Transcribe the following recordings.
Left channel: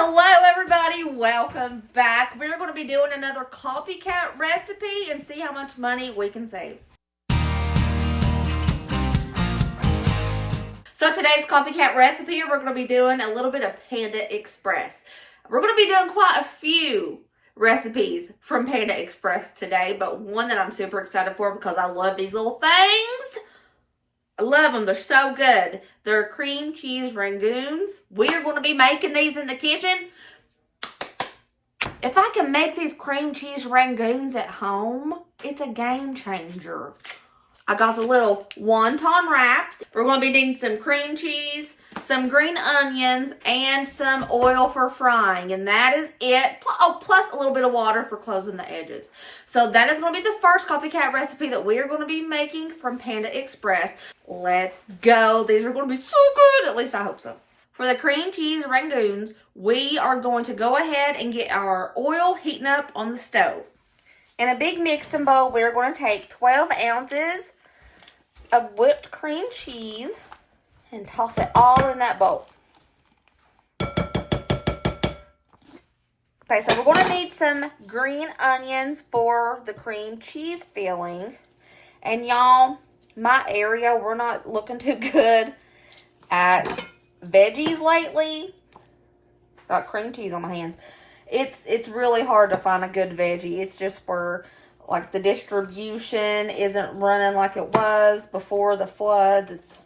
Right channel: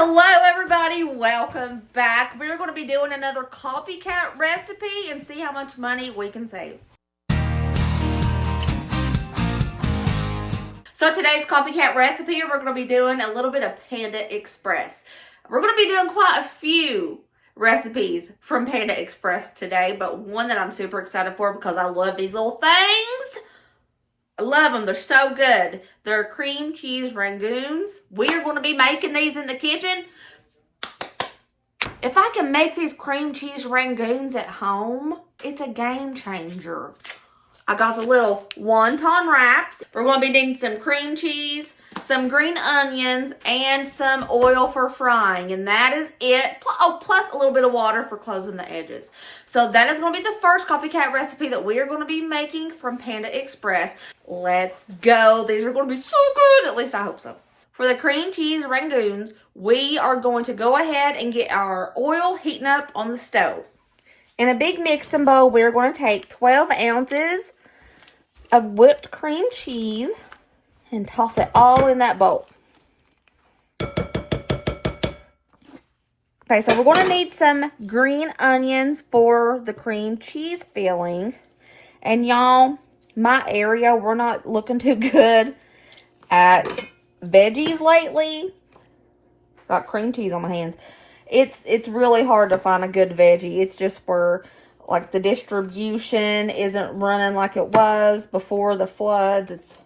Hello everybody, welcome back. We're going to be doing another copycat recipe and see how much money we can save. So today's copycat recipe, we're going to be doing a little bit of Panda Express. We're going to be doing quite a few recipes from Panda Express today, but one that I'm super excited for because I love these little things. I love them. They're so good. They're cream cheese rangoons. We are going to be making these in the kitchen. If I can make these cream cheese rangoons at home, it's a game changer. I got the little wonton wraps. We're going to be needing some cream cheese, some green onions, and some oil for frying. And that is it. Oh, plus a little bit of water for closing the edges. So that is going to be the first copycat recipe that we are going to be making from Panda Express. Let's go. These are going to be so good. At least I hope so. For the cream cheese rangoons, we are going to go ahead and get our oil heating up on the stove. In a big mixing bowl, we're going to take 12 ounces of whipped cream cheese and toss it all in that bowl. Okay, so we're going to need some green onions for the cream cheese filling. And y'all, my area, we're not looking too good at veggies lately. Got cream cheese on my hands. It's really hard to find a good veggie. It's just where like the distribution isn't running like it was before the floods. It's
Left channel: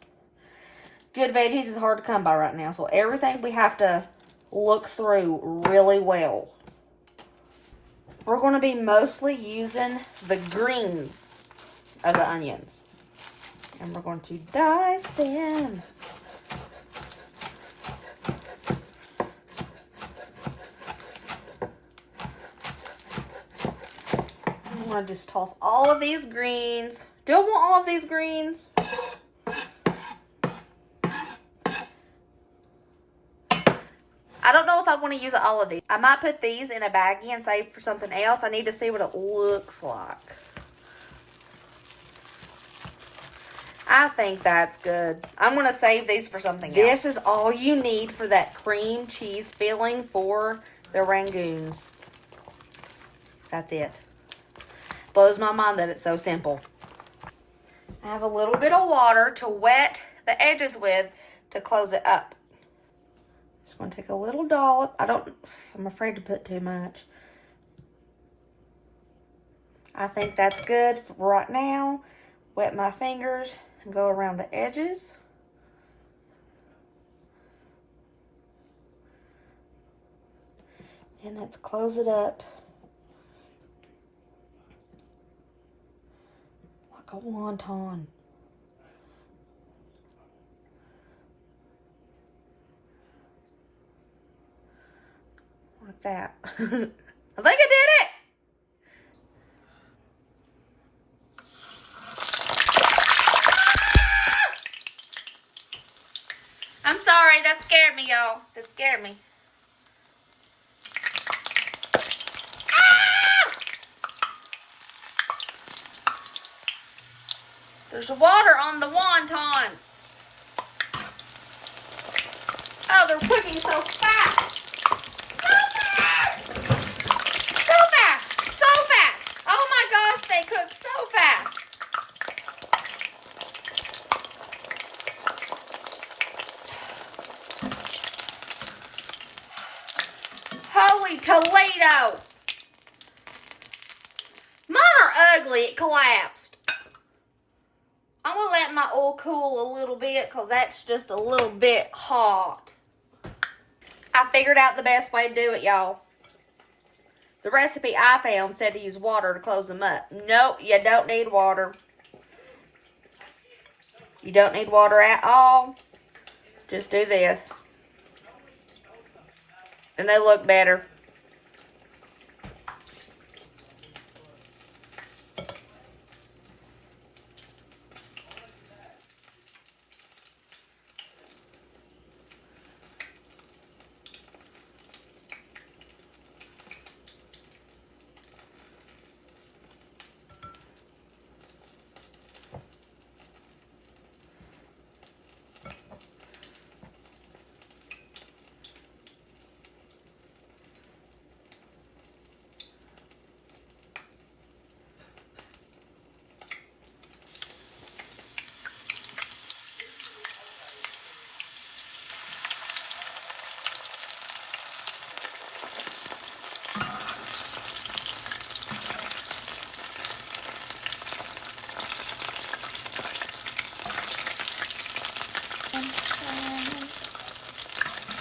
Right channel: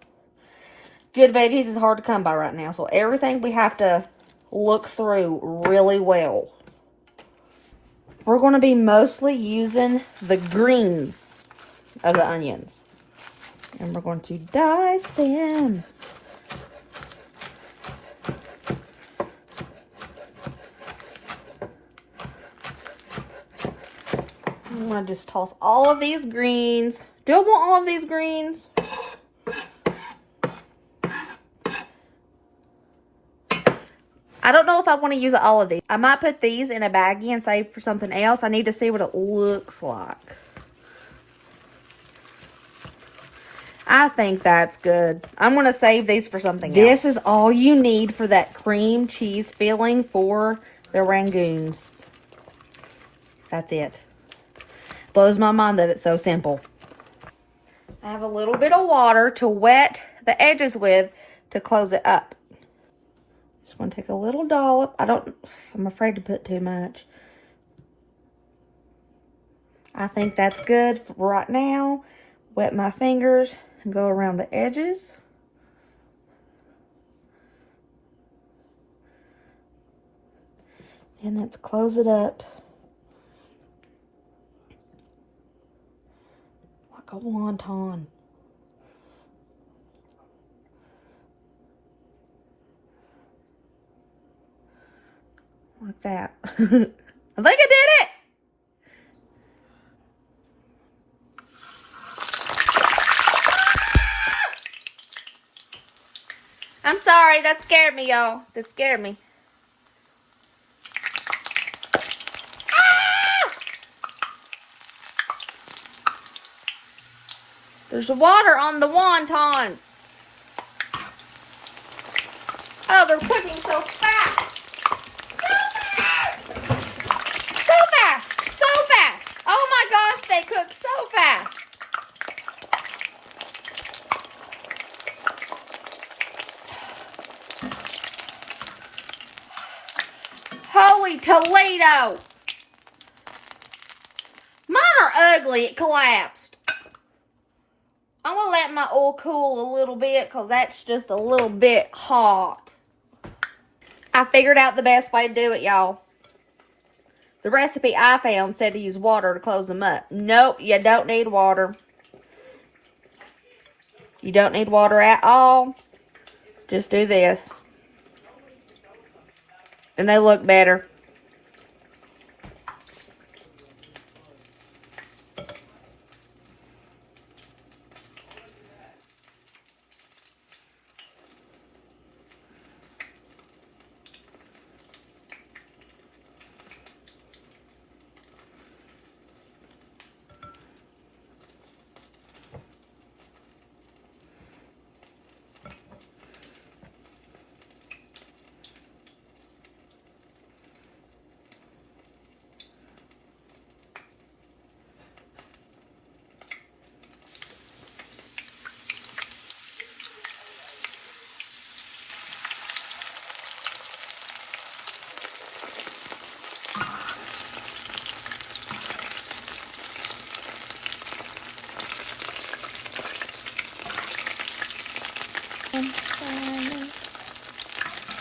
good veggies is hard to come by right now. So everything we have to look through really well. We're going to be mostly using the greens of the onions. And we're going to dice them. I'm going to just toss all of these greens. Do I want all of these greens? I don't know if I want to use all of these. I might put these in a baggie and save for something else. I need to see what it looks like. I think that's good. I'm going to save these for something else. This is all you need for that cream cheese filling for the rangoons. That's it. Blows my mind that it's so simple. I have a little bit of water to wet the edges with to close it up. Just want to take a little dollop. I'm afraid to put too much. I think that's good for right now. Wet my fingers and go around the edges. And let's close it up. Like a wonton. Like that. I think I did it! I'm sorry, that scared me, y'all. That scared me. There's water on the wontons. Oh, they're cooking so fast. So fast. So fast. So fast. Oh my gosh, they cook so fast. Holy Toledo. Mine are ugly. It collapsed. I'm going to let my oil cool a little bit because that's just a little bit hot. I figured out the best way to do it, y'all. The recipe I found said to use water to close them up. Nope, you don't need water. You don't need water at all. Just do this. And they look better.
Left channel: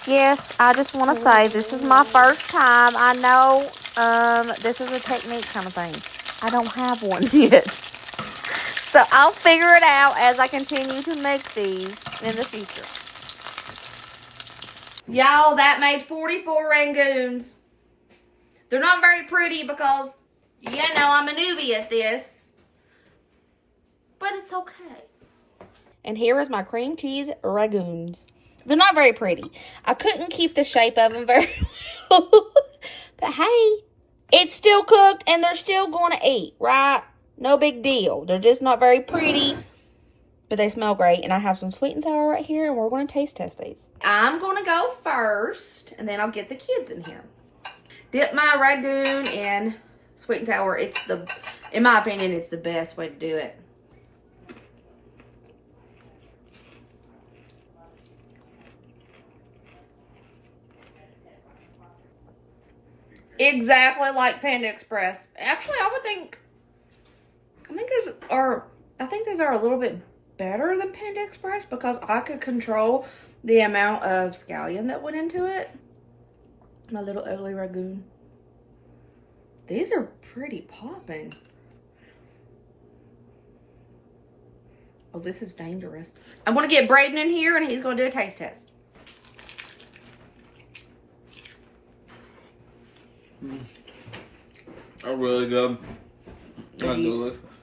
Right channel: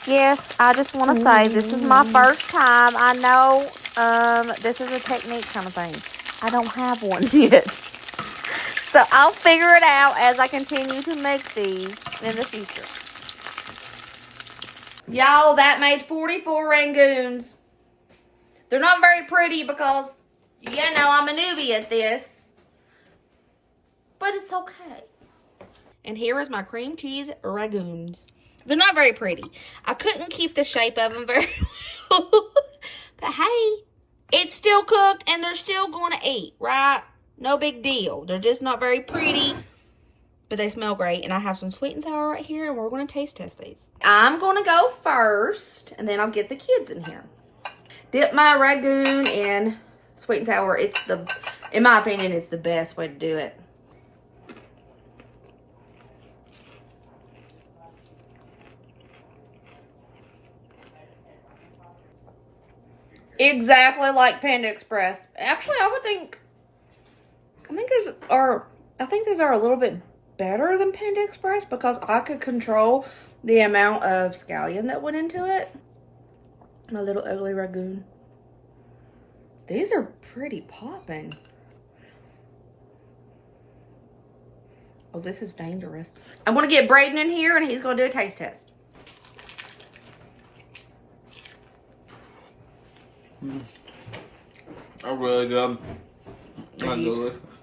Yes, I just want to say this is my first time. I know this is a technique kind of thing. I don't have one yet. So I'll figure it out as I continue to make these in the future. Y'all, that made 44 rangoons. They're not very pretty because, you know, I'm a newbie at this. But it's okay. And here is my cream cheese rangoons. They're not very pretty. I couldn't keep the shape of them very well. But hey, it's still cooked and they're still going to eat, right? No big deal. They're just not very pretty, but they smell great. And I have some sweet and sour right here, and we're going to taste test these. I'm going to go first, and then I'll get the kids in here. Dip my ragoon in sweet and sour. In my opinion, it's the best way to do it. Exactly like Panda Express. Actually, I think these are a little bit better than Panda Express because I could control the amount of scallion that went into it. My little ugly ragoon. These are pretty popping. Oh, this is dangerous. I'm going to get Braden in here and he's going to do a taste test. Are really good.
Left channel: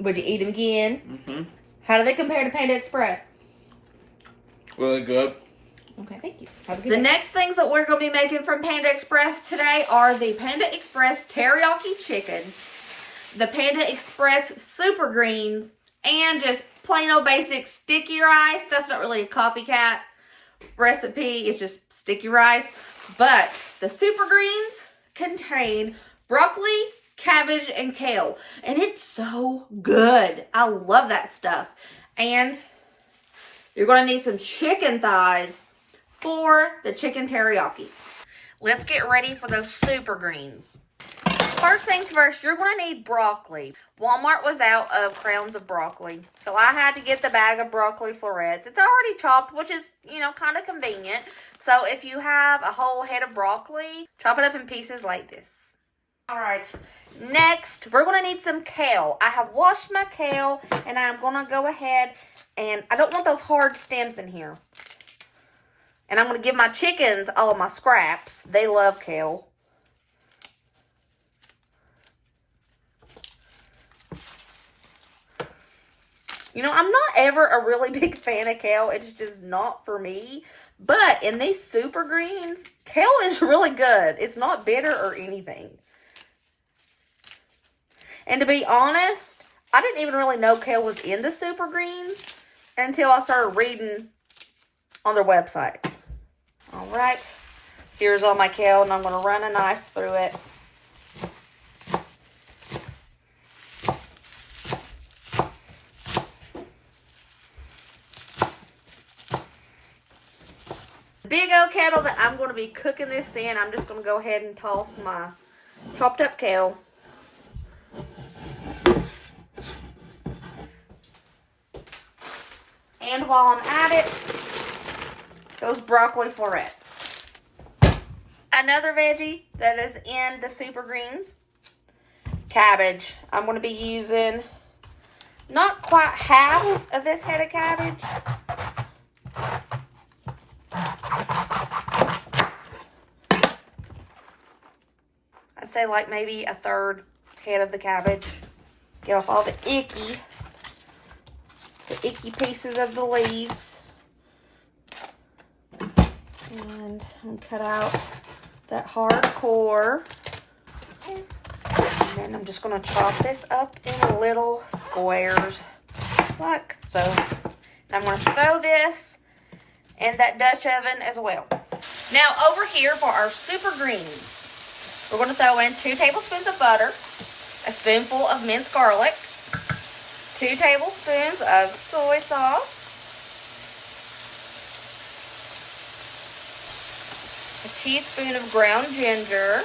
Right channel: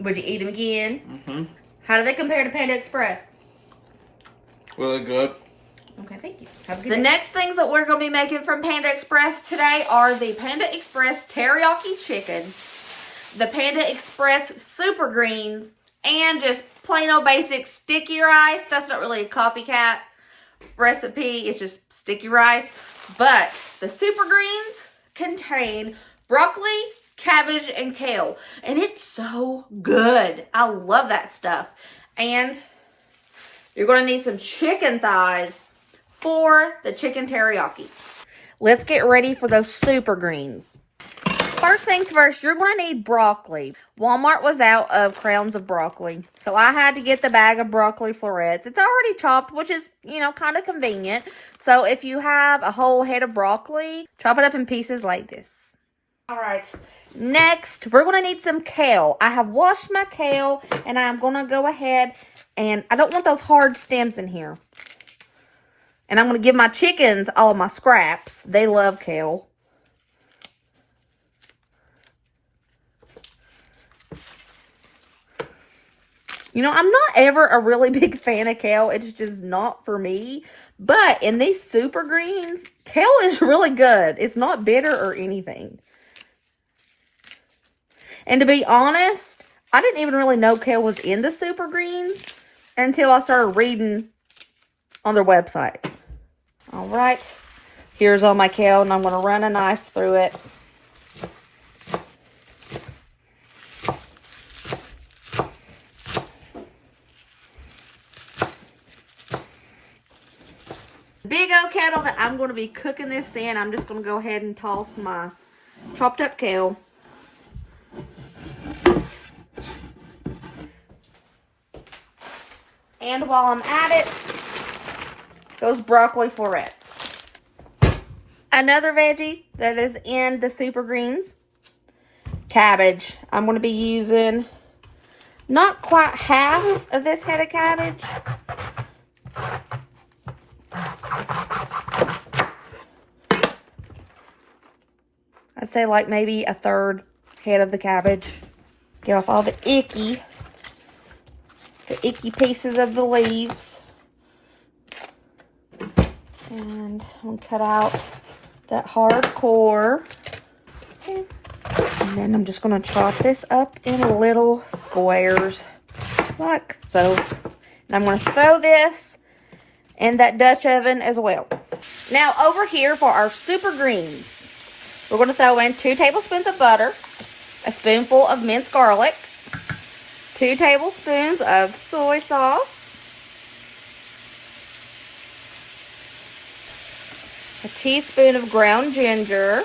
Would you eat them again? Mm-hmm. How do they compare to Panda Express? Really good. Okay, thank you. Have a good day. Next things that we're going to be making from Panda Express today are the Panda Express Teriyaki Chicken, the Panda Express Super Greens, and just plain old basic sticky rice. That's not really a copycat recipe. It's just sticky rice. But the Super Greens contain broccoli, cabbage, and kale. And it's so good. I love that stuff. And you're going to need some chicken thighs for the chicken teriyaki. Let's get ready for those super greens. First things first, you're going to need broccoli. Walmart was out of crowns of broccoli, so I had to get the bag of broccoli florets. It's already chopped, which is, you know, kind of convenient. So if you have a whole head of broccoli, chop it up in pieces like this. All right, next, we're going to need some kale. I have washed my kale, and I'm going to go ahead, and I don't want those hard stems in here. And I'm going to give my chickens all of my scraps. They love kale. You know, I'm not ever a really big fan of kale. It's just not for me. But in these super greens, kale is really good. It's not bitter or anything. And to be honest, I didn't even really know kale was in the super greens until I started reading on their website. All right, here's all my kale, and I'm going to run a knife through it. The big old kettle that I'm going to be cooking this in, I'm just going to go ahead and toss my chopped up kale. And while I'm at it, those broccoli florets. Another veggie that is in the super greens, cabbage. I'm going to be using not quite half of this head of cabbage. I'd say like maybe a third head of the cabbage. Get off all the icky pieces of the leaves. And I'm going to cut out that hard core. And then I'm just going to chop this up in little squares, like so. And I'm going to throw this in that Dutch oven as well. Now over here for our super greens, we're going to throw in 2 tablespoons of butter, a spoonful of minced garlic, 2 tablespoons of soy sauce, a teaspoon of ground ginger,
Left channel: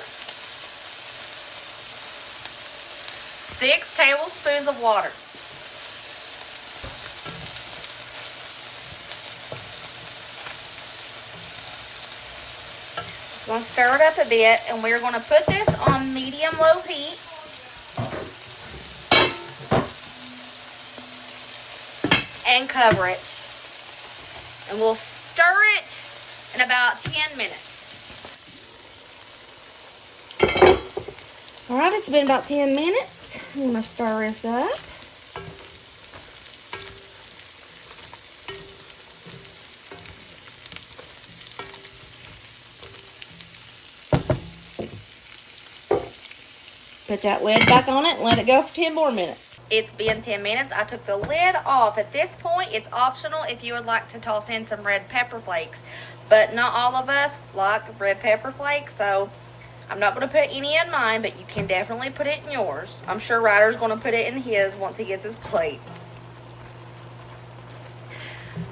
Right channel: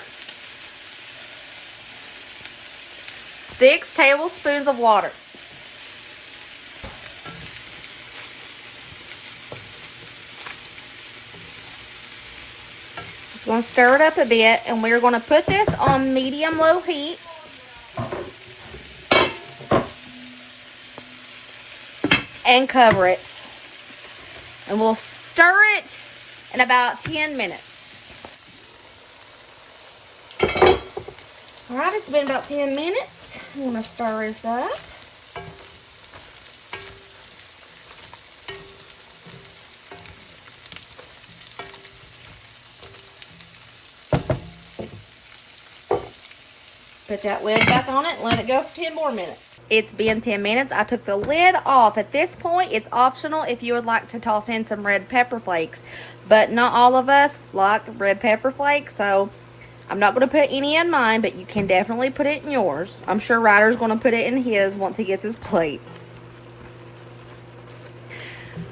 6 tablespoons of water. Just want to stir it up a bit, and we're going to put this on medium-low heat. And cover it. And we'll stir it in about 10 minutes. Alright, it's been about 10 minutes. I'm going to stir this up. Put that lid back on it and let it go for 10 more minutes. It's been 10 minutes. I took the lid off. At this point, it's optional if you would like to toss in some red pepper flakes. But not all of us like red pepper flakes, so I'm not going to put any in mine, but you can definitely put it in yours. I'm sure Ryder's going to put it in his once he gets his plate.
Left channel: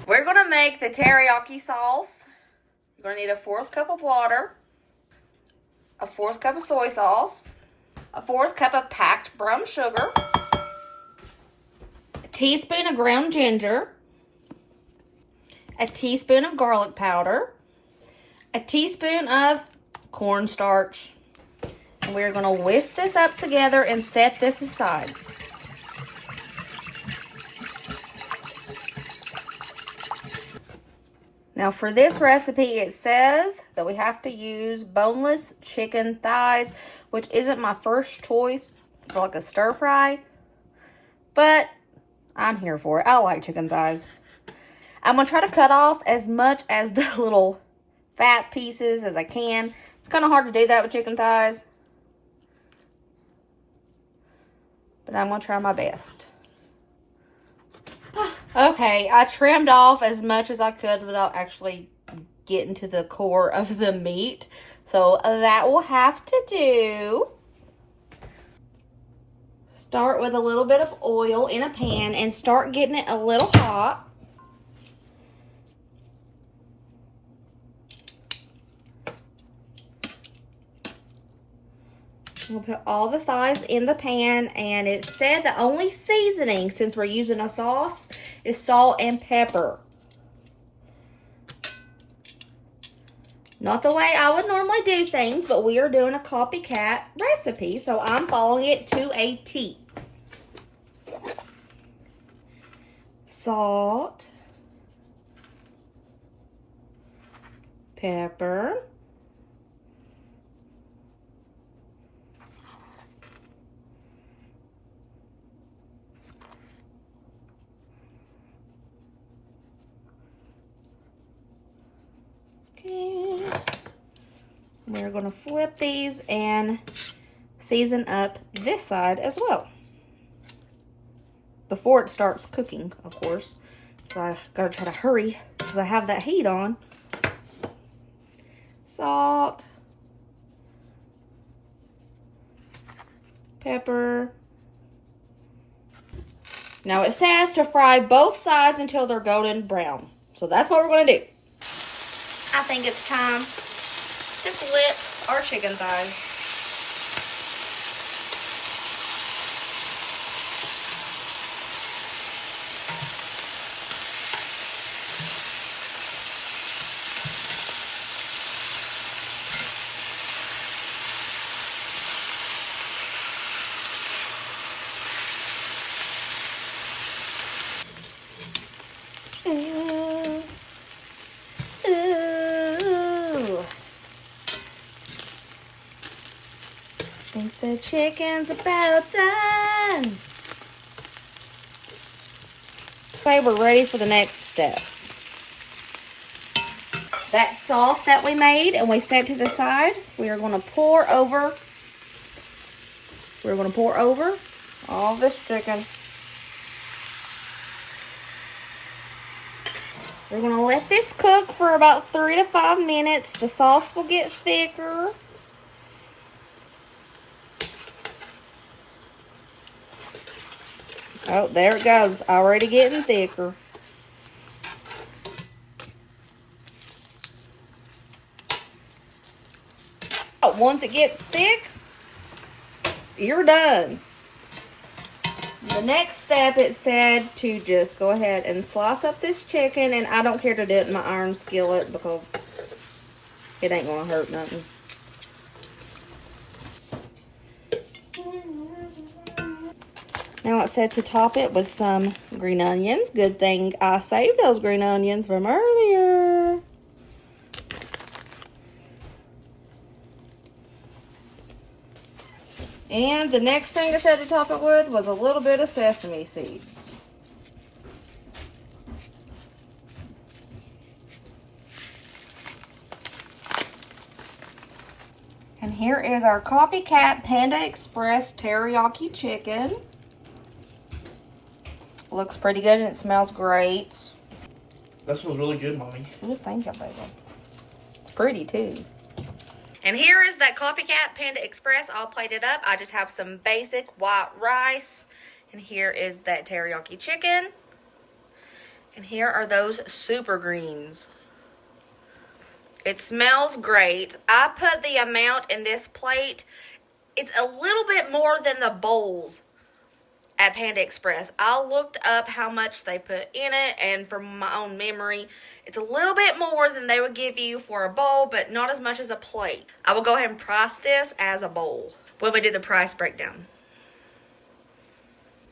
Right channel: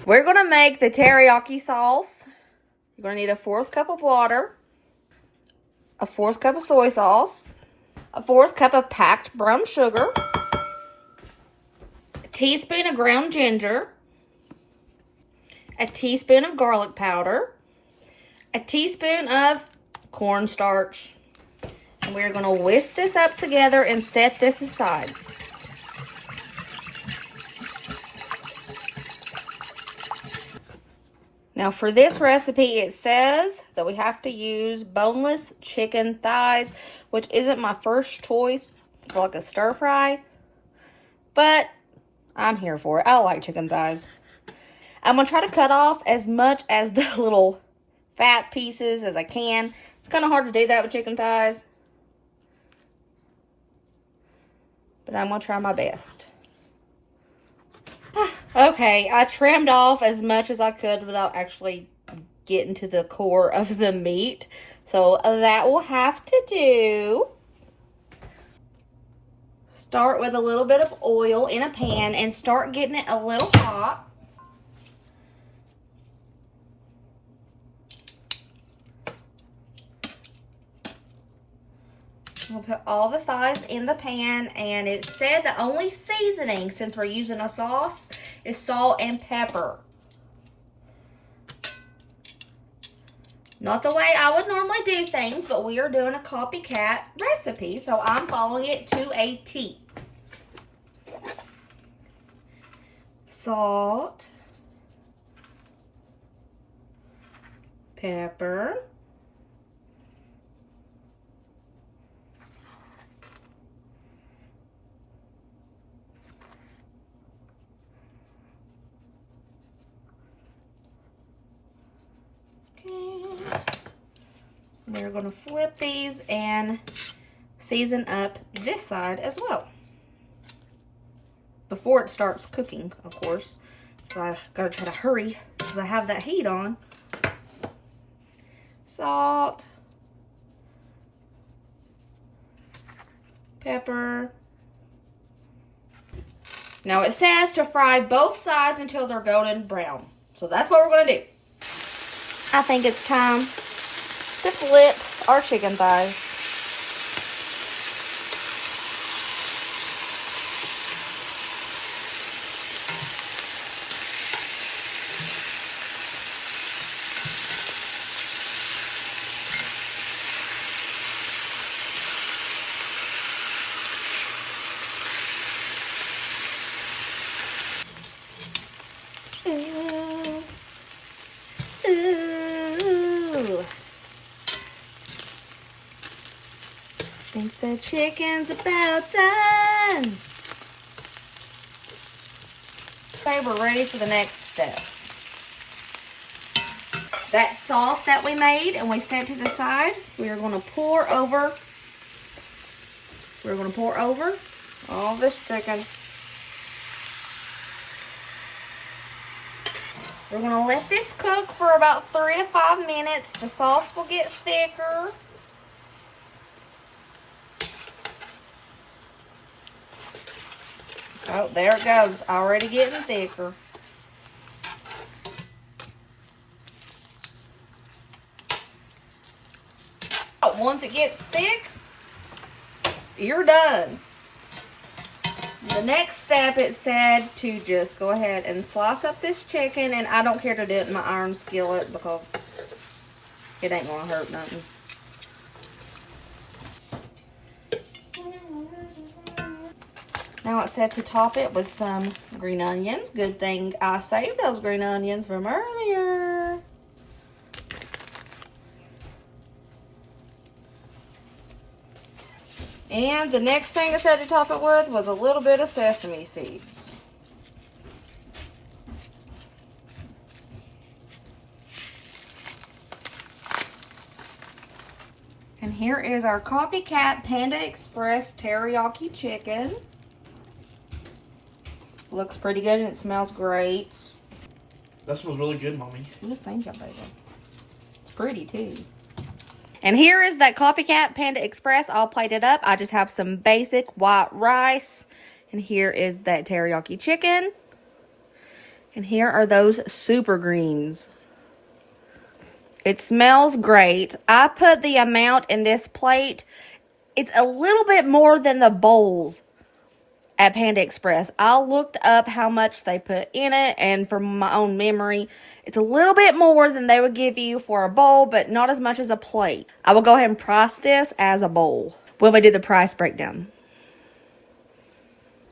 We're going to make the teriyaki sauce. You're going to need a 1/4 cup of water, a 1/4 cup of soy sauce, a 1/4 cup of packed brown sugar, a teaspoon of ground ginger, a teaspoon of garlic powder, a teaspoon of cornstarch. And we're going to whisk this up together and set this aside. Now for this recipe, it says that we have to use boneless chicken thighs, which isn't my first choice for like a stir fry, but I'm here for it. I like chicken thighs. I'm going to try to cut off as much as the little fat pieces as I can. It's kind of hard to do that with chicken thighs, but I'm going to try my best. Okay, I trimmed off as much as I could without actually getting to the core of the meat. So that will have to do. Start with a little bit of oil in a pan and start getting it a little hot. We'll put all the thighs in the pan, and it said the only seasoning, since we're using a sauce, is salt and pepper. Not the way I would normally do things, but we are doing a copycat recipe, so I'm following it to a T. Salt, pepper, we're going to flip these and season up this side as well. Before it starts cooking, of course. So I gotta try to hurry because I have that heat on. Salt. Pepper. Now it says to fry both sides until they're golden brown. So that's what we're going to do. I think it's time to flip our chicken thighs. I think the chicken's about done. Okay, we're ready for the next step. That sauce that we made and we set to the side, we are going to pour over. We're going to pour over all this chicken. We're going to let this cook for about 3 to 5 minutes. The sauce will get thicker. Oh, there it goes. Already getting thicker. Once it gets thick, you're done. The next step, it said to just go ahead and slice up this chicken, and I don't care to do it in my iron skillet because it ain't gonna hurt nothing. Now it said to top it with some green onions. Good thing I saved those green onions from earlier. And the next thing it said to top it with was a little bit of sesame seeds. And here is our copycat Panda Express teriyaki chicken. Looks pretty good and it smells great. That smells really good, Mommy. Ooh, thank you, baby. It's pretty too. And here is that copycat Panda Express all plated up. I just have some basic white rice. And here is that teriyaki chicken. And here are those super greens. It smells great. I put the amount in this plate. It's a little bit more than the bowls at Panda Express. I looked up how much they put in it, and from my own memory, it's a little bit more than they would give you for a bowl, but not as much as a plate. I will go ahead and price this as a bowl when we do the price breakdown.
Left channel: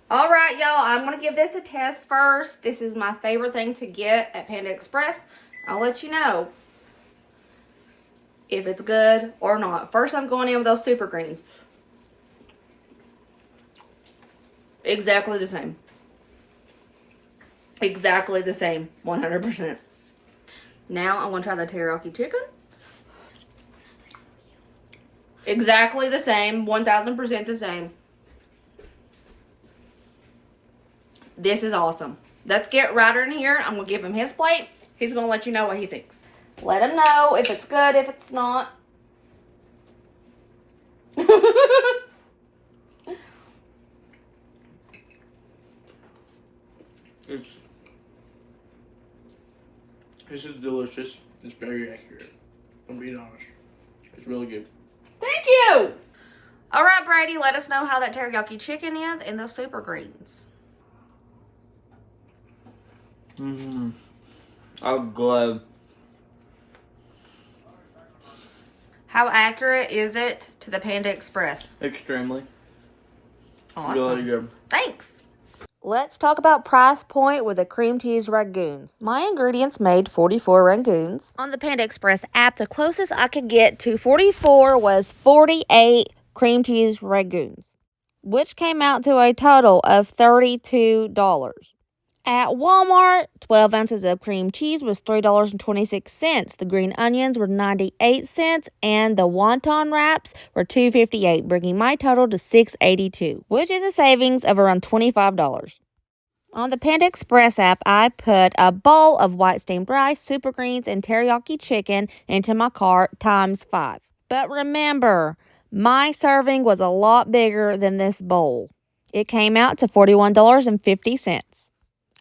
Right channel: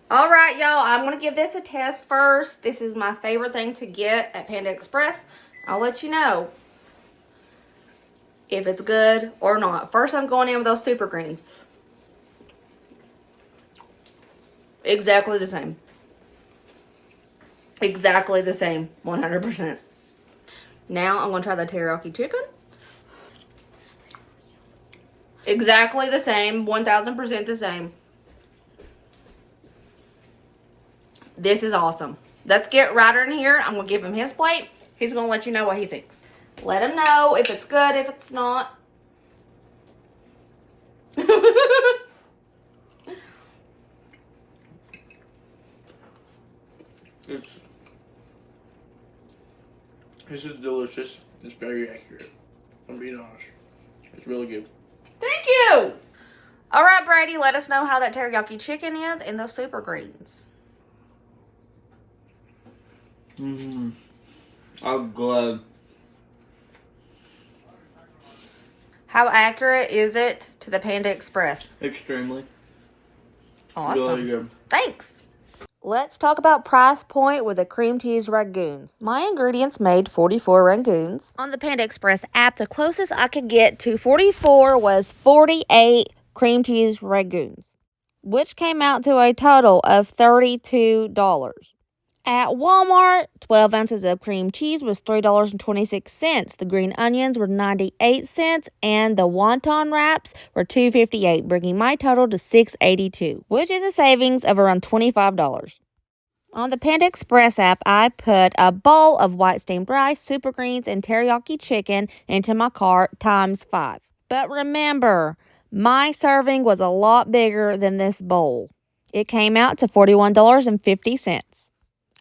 All right, y'all, I'm going to give this a test first. This is my favorite thing to get at Panda Express. I'll let you know if it's good or not. First, I'm going in with those super greens. Exactly the same. Exactly the same. 100%. Now, I'm going to try the teriyaki chicken. Exactly the same. 1000% the same. This is awesome. Let's get Ryder in here. I'm going to give him his plate. He's going to let you know what he thinks. Let him know if it's good, if it's not. This is delicious. It's very accurate. I'm being honest. It's really good. Thank you. All right, Brady, let us know how that teriyaki chicken is and those super greens. I'm glad. How accurate is it to the Panda Express? Extremely. Awesome. Really good. Thanks. Let's talk about price point with the cream cheese ragoons. My ingredients made 44 ragoons. On the Panda Express app, the closest I could get to 44 was 48 cream cheese ragoons, which came out to a total of $32. At Walmart, 12 ounces of cream cheese was $3.26. The green onions were 98 cents, and the wonton wraps were $2.58, bringing my total to $6.82, which is a savings of around $25. On the Panda Express app, I put a bowl of white steamed rice, super greens, and teriyaki chicken into my cart ×5. But remember, my serving was a lot bigger than this bowl. It came out to $41.50.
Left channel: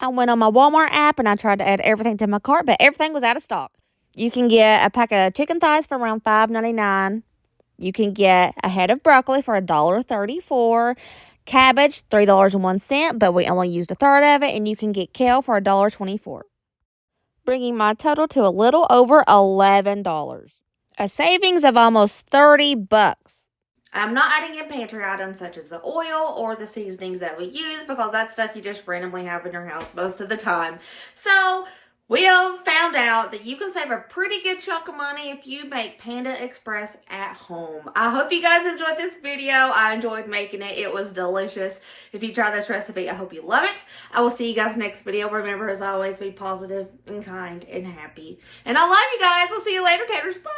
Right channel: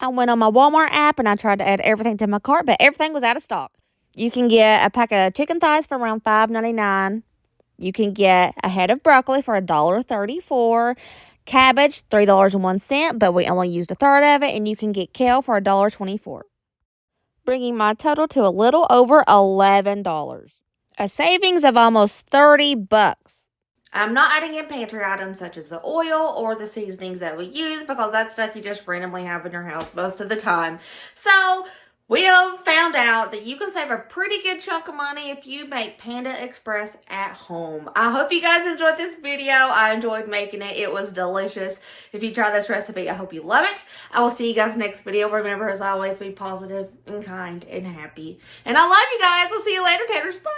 I went on my Walmart app and I tried to add everything to my cart, but everything was out of stock. You can get a pack of chicken thighs for around $5.99. You can get a head of broccoli for $1.34. Cabbage, $3.01, but we only used a third of it. And you can get kale for $1.24. Bringing my total to a little over $11. A savings of almost $30. I'm not adding in pantry items such as the oil or the seasonings that we use because that's stuff you just randomly have in your house most of the time. So we have found out that you can save a pretty good chunk of money if you make Panda Express at home. I hope you guys enjoyed this video. I enjoyed making it. It was delicious. If you try this recipe, I hope you love it. I will see you guys next video. Remember, as always, be positive and kind and happy. And I love you guys. I'll see you later, Taters. Bye.